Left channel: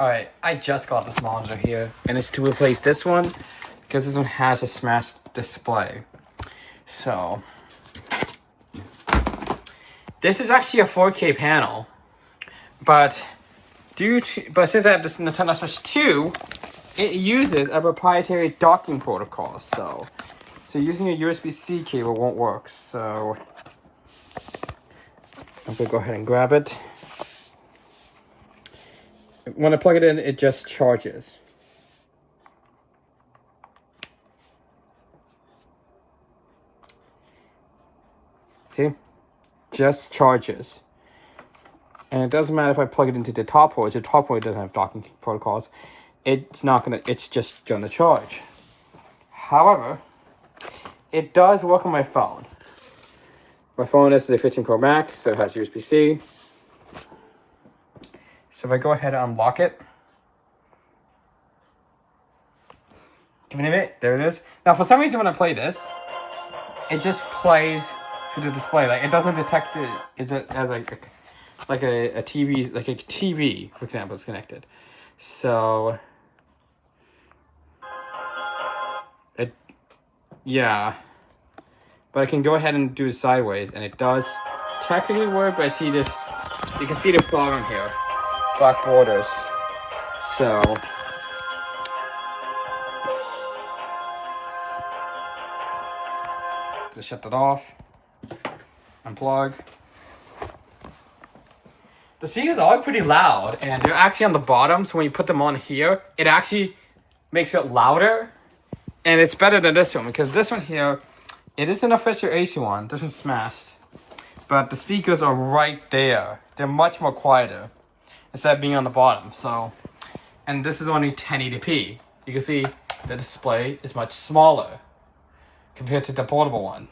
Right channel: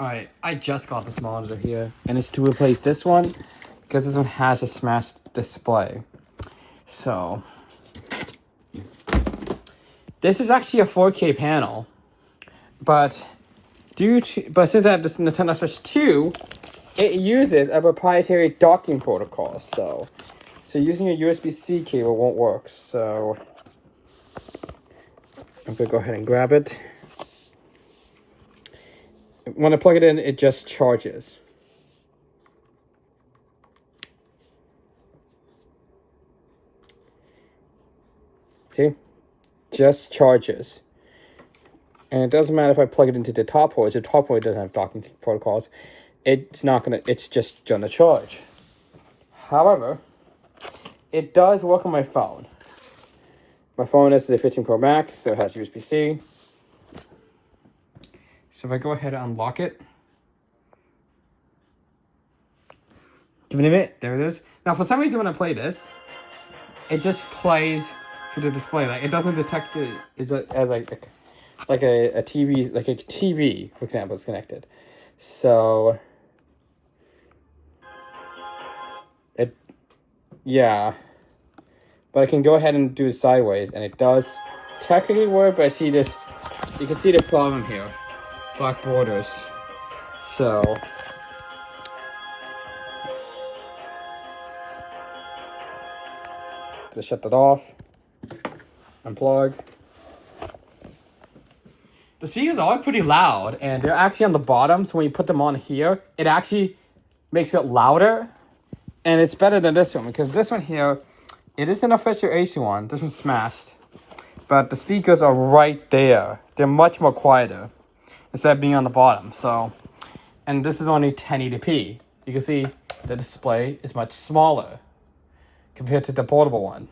Alright, I just got this monitor here, and it's to replace this one, because this one has a smashed display. So, this is actually a 4K panel, but since I have this Nintendo Switch 2, it uses a proprietary docking protocol, so using a USB-C cable won't work, so I'm gonna go ahead and grab it. When I plug it in, it just charges. See? Just charges. And it doesn't matter if I plug it into the top port. The top port doesn't have docking protocols. It's just gonna charge. However, it does work on my phone. My phone is a 15 Pro Max, so it has USB-C. So if I go ahead and unlock it, give it a minute, there it is. Now for some reason when I play this, it just plays through the display. Like it doesn't detect it. It's as a TV, like a TV, for example, is connected. So yeah. But I can go ahead and do it sideways, and it does technically work, but I see this, you can see the problem here. Black borders. So gonna shut that off. Unplug. The speakers are pretty loud, and they're actually on the bottom, so when you put them on here, it actually makes it louder. And it's better than this one, because this one here, it is an official AC one. This one's smashed. But the speakers are right there. They're much more quieter instead of being on the bottom. So, and this is only 1080p. You can see the display is much smaller compared to the portable one.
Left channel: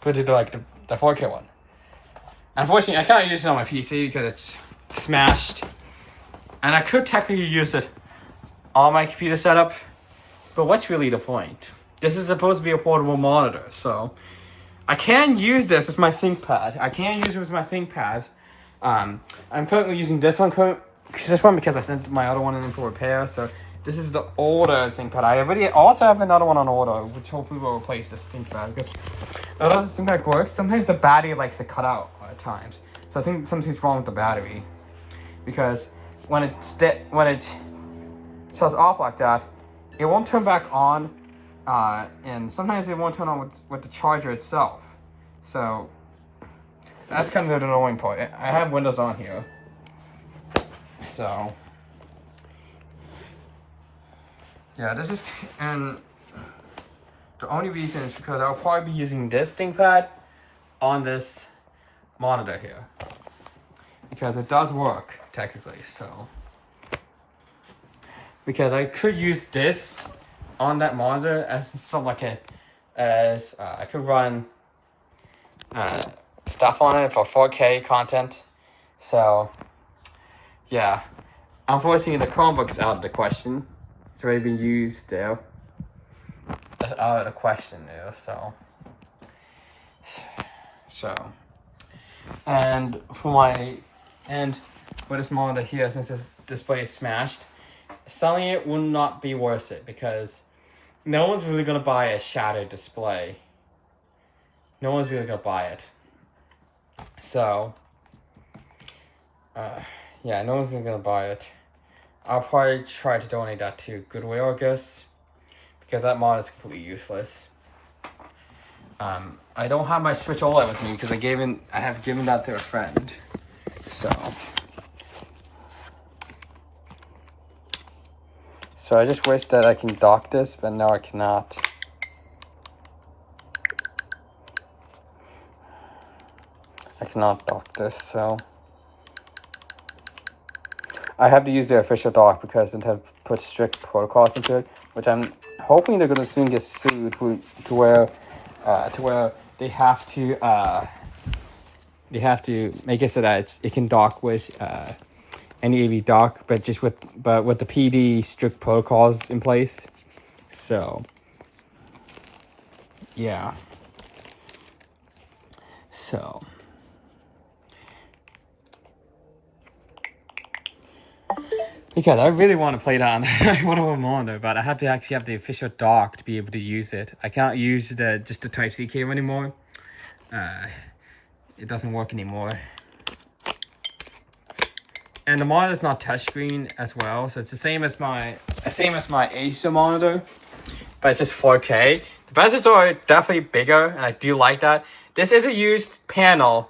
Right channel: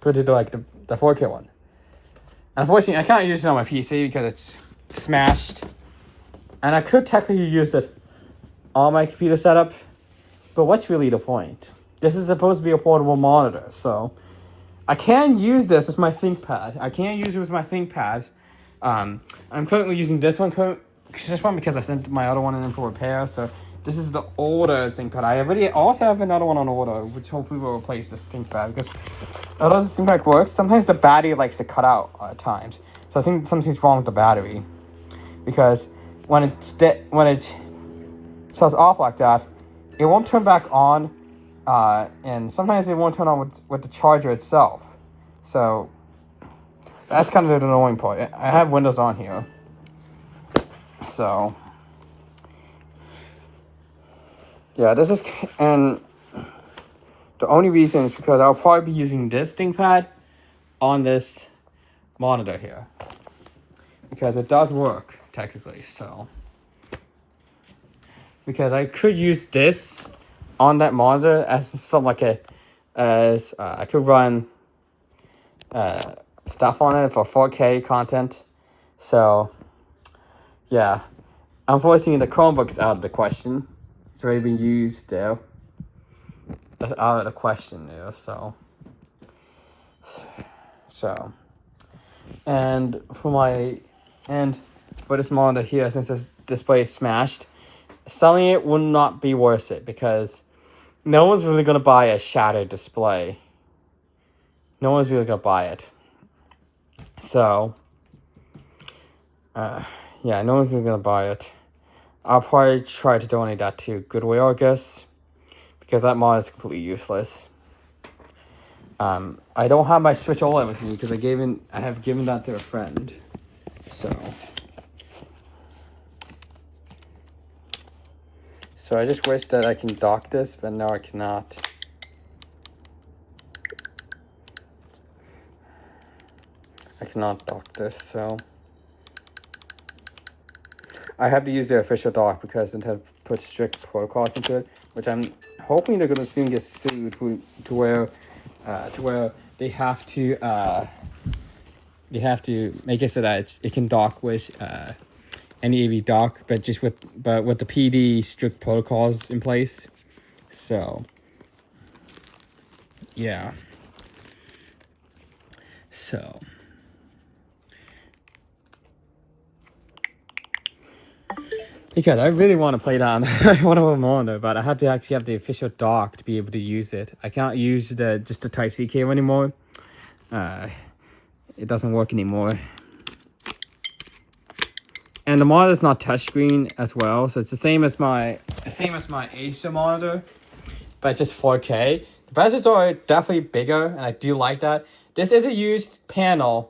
Compared to the 4K one. Unfortunately, I can't use it on my PC because it's smashed. And I could technically use it on my computer setup. But what's really the point? This is supposed to be a portable monitor, so I can use this as my ThinkPad. I'm currently using this one because I sent my other one in for repair. So this is the older ThinkPad. I already also have another one on order, which hopefully will replace this ThinkPad, because although this ThinkPad works, sometimes the battery likes to cut out at times. So I think something's wrong with the battery, because when it shuts off like that, it won't turn back on, and sometimes it won't turn on with the charger itself. So that's kind of the annoying part. I have Windows on here, so yeah, this is, and the only reason is because I'll probably be using this ThinkPad on this monitor here, because it does work technically. So because I could use this on that monitor as some I could run stuff on it for 4K content. So yeah, unfortunately the Chromebook's out of the question. It's already been used there. It's out of the question there. So and for this monitor here, since this display is smashed, selling it will not be worth it, because no one's really going to buy a shattered display. No one's really going to buy it. So, yeah, no one's really going to buy it. I'll probably try to donate that to Goodwill, I guess, because that mod is completely useless. I don't have my Switch OLED with me because I have given that to a friend. So I just wish that I can dock this, but no, I cannot. I cannot dock this, so I have to use the official dock because they have put strict protocols into it, which I'm hoping they're gonna soon get sued to where they have to make it so that it can dock with any AV dock, but with the PD strict protocols in place. So yeah. So Because I really want to play that on one of them on there, but I had to actually have the official dock to be able to use it. I can't use just the Type-C cable anymore. It doesn't work anymore. And the monitor is not touchscreen as well, so it's the same as my Acer monitor, but it's just 4K. The bezels are definitely bigger, and I do like that. This is a used panel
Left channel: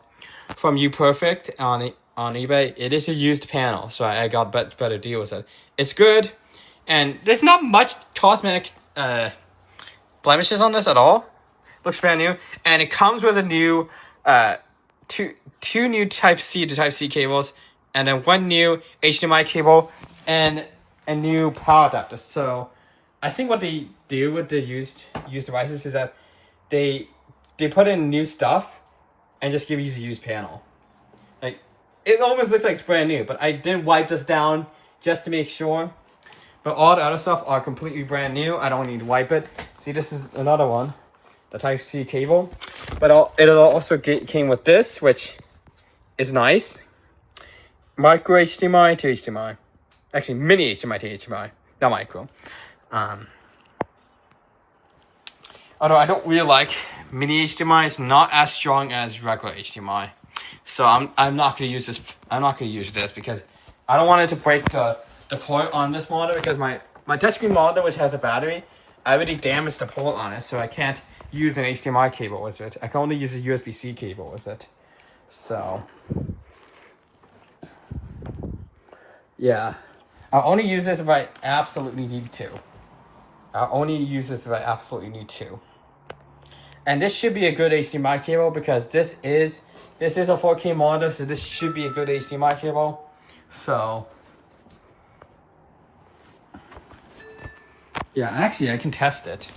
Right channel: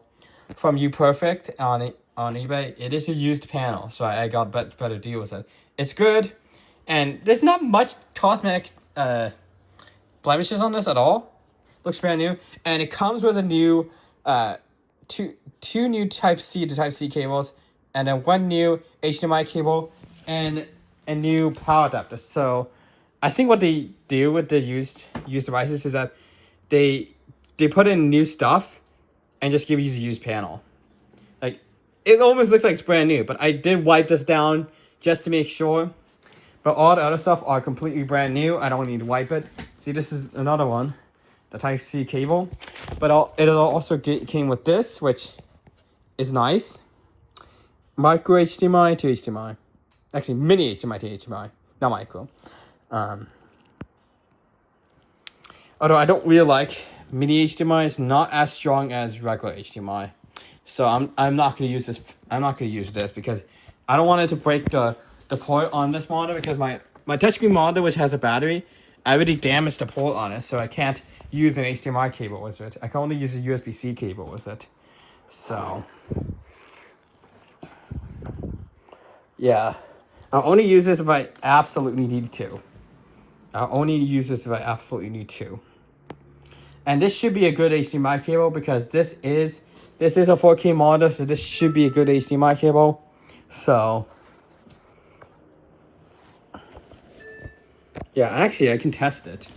from UPerfect on eBay. It is a used panel, so I got better deal with it. It's good, and there's not much cosmetic blemishes on this at all. Looks brand new, and it comes with a new two new Type-C to Type-C cables, and then one new HDMI cable and a new power adapter. So I think what they do with the used devices is that they put in new stuff and just give you the used panel. Like, it almost looks like it's brand new, but I did wipe this down just to make sure. But all the other stuff are completely brand new. I don't need to wipe it. See, this is another one, the Type-C cable. But it also came with this, which is nice. Micro HDMI to HDMI. Actually, mini HDMI to HDMI, not micro. Although I don't really like mini HDMI, it's not as strong as regular HDMI. So I'm not gonna use this. I'm not gonna use this because I don't want it to break the port on this monitor, because my touchscreen monitor, which has a battery, I already damaged the port on it, so I can't use an HDMI cable with it. I can only use a USB-C cable with it. So yeah, I'll only use this if I absolutely need to. I'll only use this if I absolutely need to. And this should be a good HDMI cable, because this is a 4K monitor, so this should be a good HDMI cable. So yeah, actually I can test it.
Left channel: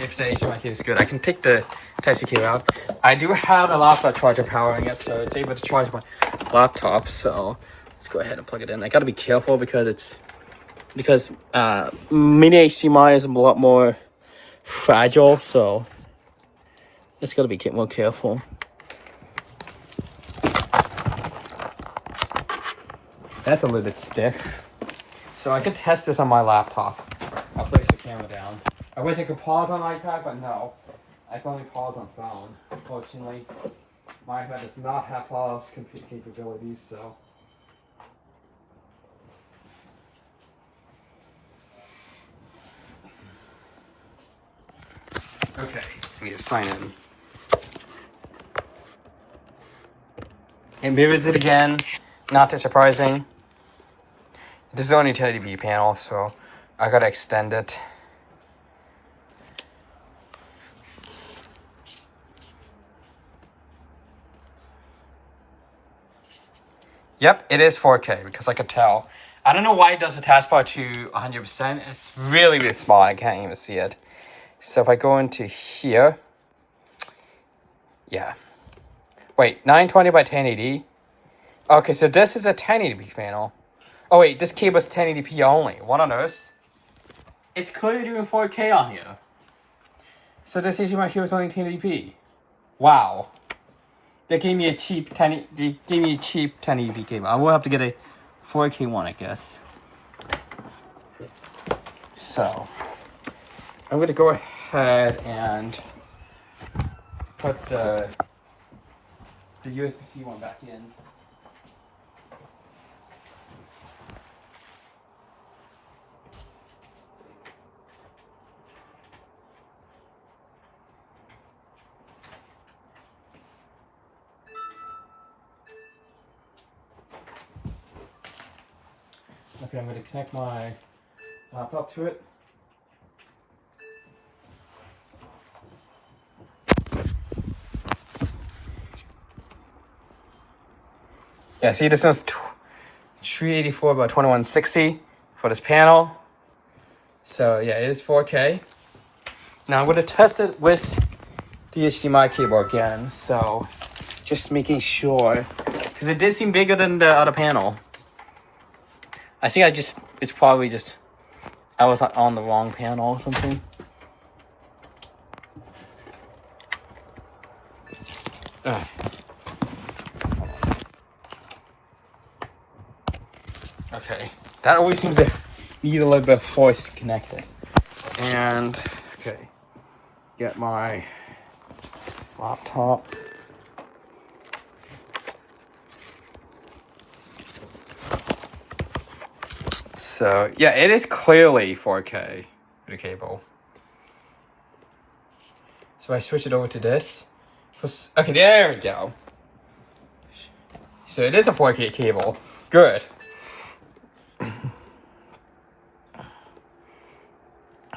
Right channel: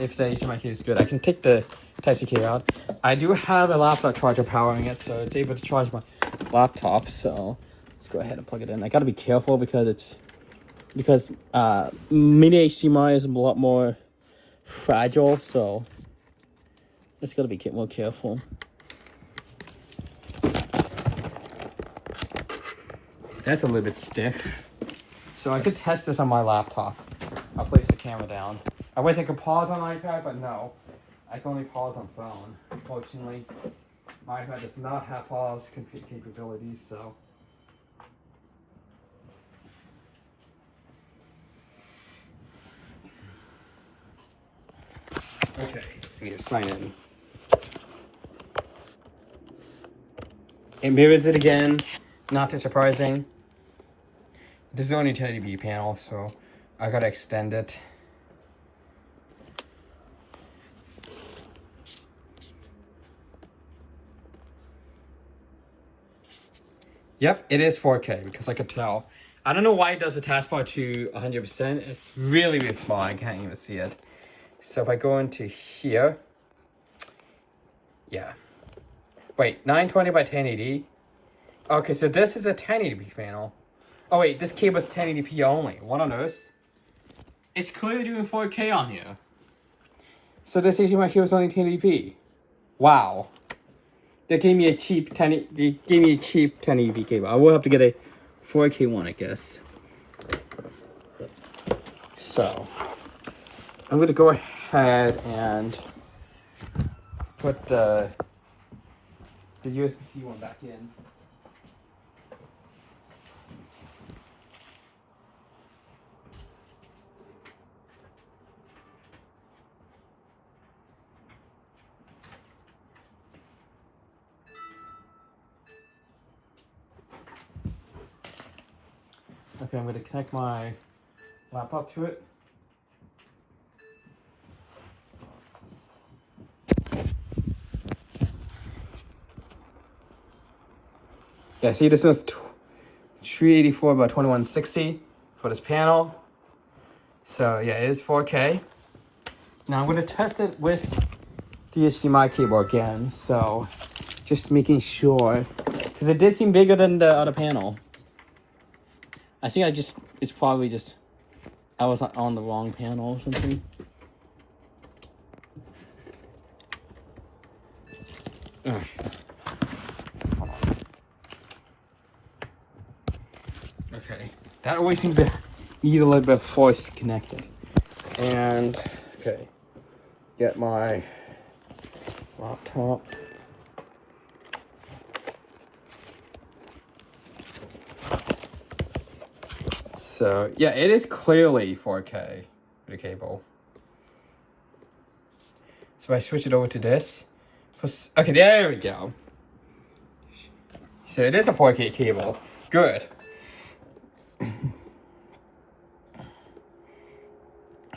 If the HDMI cable is good, I can take the Type-C cable out. I do have a laptop charger powering it, so it's able to charge my laptop. So let's go ahead and plug it in. I gotta be careful because mini HDMI is a lot more fragile, so just gotta be more careful. That's a little bit stiff, so I could test this on my laptop. I'll place the camera down. I wish I could pause on iPad, but no, I can only pause on phone. Unfortunately, my iPad does not have pause capabilities, so. Okay, let me just sign in. And visit again, not too surprising. This is only 1080p panel, so I gotta extend it. Yep, it is 4K, because I could tell. I don't know why it does the taskbar to 100%. It's really, really small. I can't even see it. So if I go into here, yeah. Wait, 920 by 1080. Okay, so this is a 1080p panel. Oh wait, this cable is 1080p only. What on earth? It's clearly doing 4K on here. So this HDMI cable is only 1080p. Wow. They gave me a cheap 1080p cable. I will have to get a 4K one, I guess. So I'm gonna go ahead and put the USB-C one back in. Okay, I'm going to connect my laptop to it. Yeah, see, this one's 384 by 2160 for this panel. So yeah, it is 4K. Now I'm going to test it with the HDMI cable again. So just making sure, because it did seem bigger than the other panel. I think it's probably just, I was on the wrong panel or something. Ugh. Hold on. Okay, that always seems to need a little bit of force connected. And okay, get my laptop. So yeah, it is clearly 4K the cable. So I switch it over to this. Okay, there we go. So it is a 4K cable. Good. I'm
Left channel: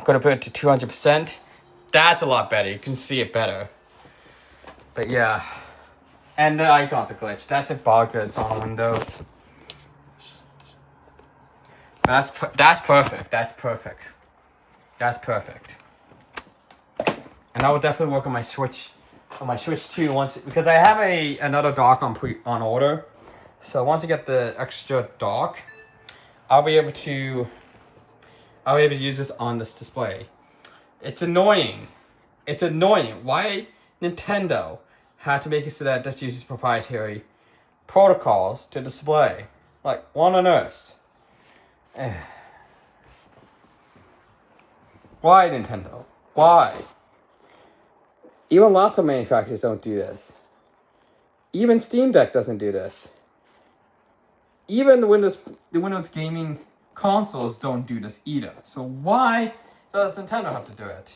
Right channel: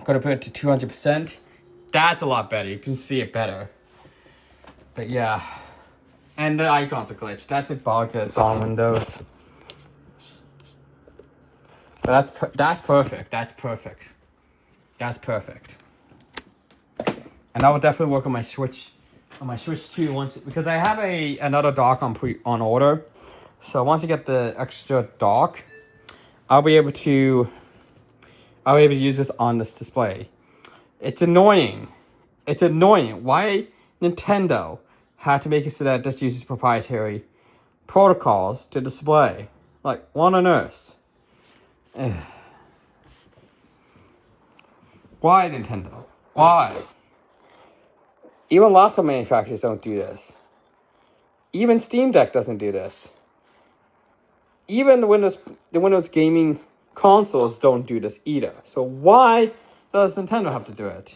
gonna put it to 200%. That's a lot better. You can see it better. But yeah. And the icon's a glitch. That's a bug that's on Windows. But that's perfect. That's perfect. That's perfect. And that will definitely work on my Switch. On my Switch 2 once, because I have another dock on order. So once I get the extra dock, I'll be able to use this on this display. It's annoying. It's annoying. Why Nintendo had to make it so that this uses proprietary protocols to display. Like, what on earth? Why Nintendo? Why? Even laptop manufacturers don't do this. Even Steam Deck doesn't do this. Even the Windows gaming consoles don't do this either. So why does Nintendo have to do it?